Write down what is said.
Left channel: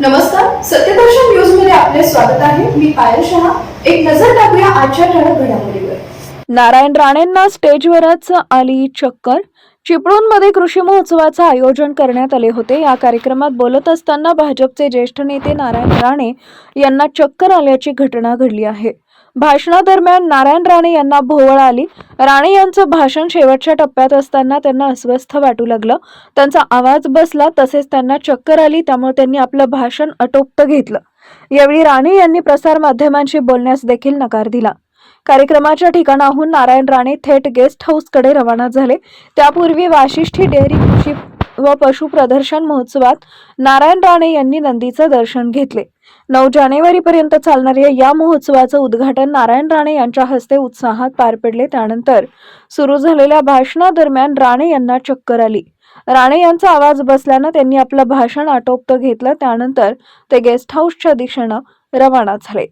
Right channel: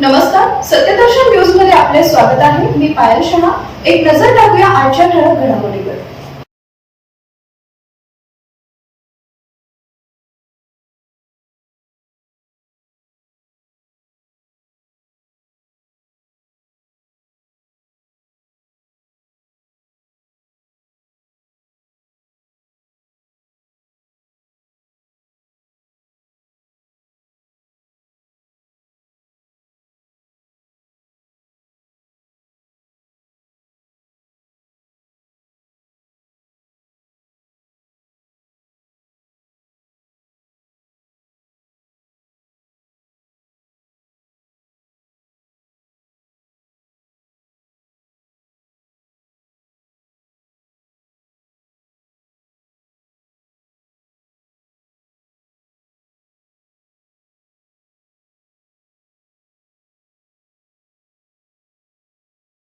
नमस्कार, सत्यदर्शन न्यूज मध्ये आपले स्वागत आहे. मी पायल शहा. एक नजर टाकूया आजच्या ठळक घडामोडीवर. नारायण राणेंना स्टेजवरच आली चक्कर. चिपळूणमध्ये कृषी महोत्सवाचं आयोजन करण्यात आले होते. या कार्यक्रमात बोलत असताना भाजपचे ज्येष्ठ नेते नारायण राणे यांना चक्कर आल्याची घटना घडली आहे. भाषणादरम्यान नारायण राणे यांना भोवळ आली. राणे यांचं भाषण शेवटच्या टप्प्यात असताना त्यांना अस्वस्थ वाटू लागलं. त्यांचा आवाज बसला, तसेच त्यांना चक्कर आली. त्यामुळे त्यांनी आपलं भाषण आटोपत घेतलं. यावेळी राणे यांनी प्रसारमाध्यमांशी बोलण्यास देखील नकार दिला. कार्यक्रमाच्या ठिकाणाहून नारायण राणे थेट गेस्ट हाऊसकडे रवाना झाले. त्यापूर्वी वाशिष्ठी डेअरी कृषी व पशु प्रदर्शन महोत्सवात नारायण राणे यांनी नंदीचं दर्शन घेतले. 9 जानेवारीपर्यंत चालणाऱ्या या महोत्सवाचं उद्घाटन नारायण राणे यांच्या हस्ते उत्साहात पार पडले. त्यानंतर सुरू झालेल्या भाषणादरम्यान राणे यांना चक्कर आली. राणे यांचा आवाज बसल्यानं त्यांनी आपलं भाषण आटोपत घेतलं. त्यानंतर ते गेस्ट हाऊसच्या दिशेनं रवाना झाले.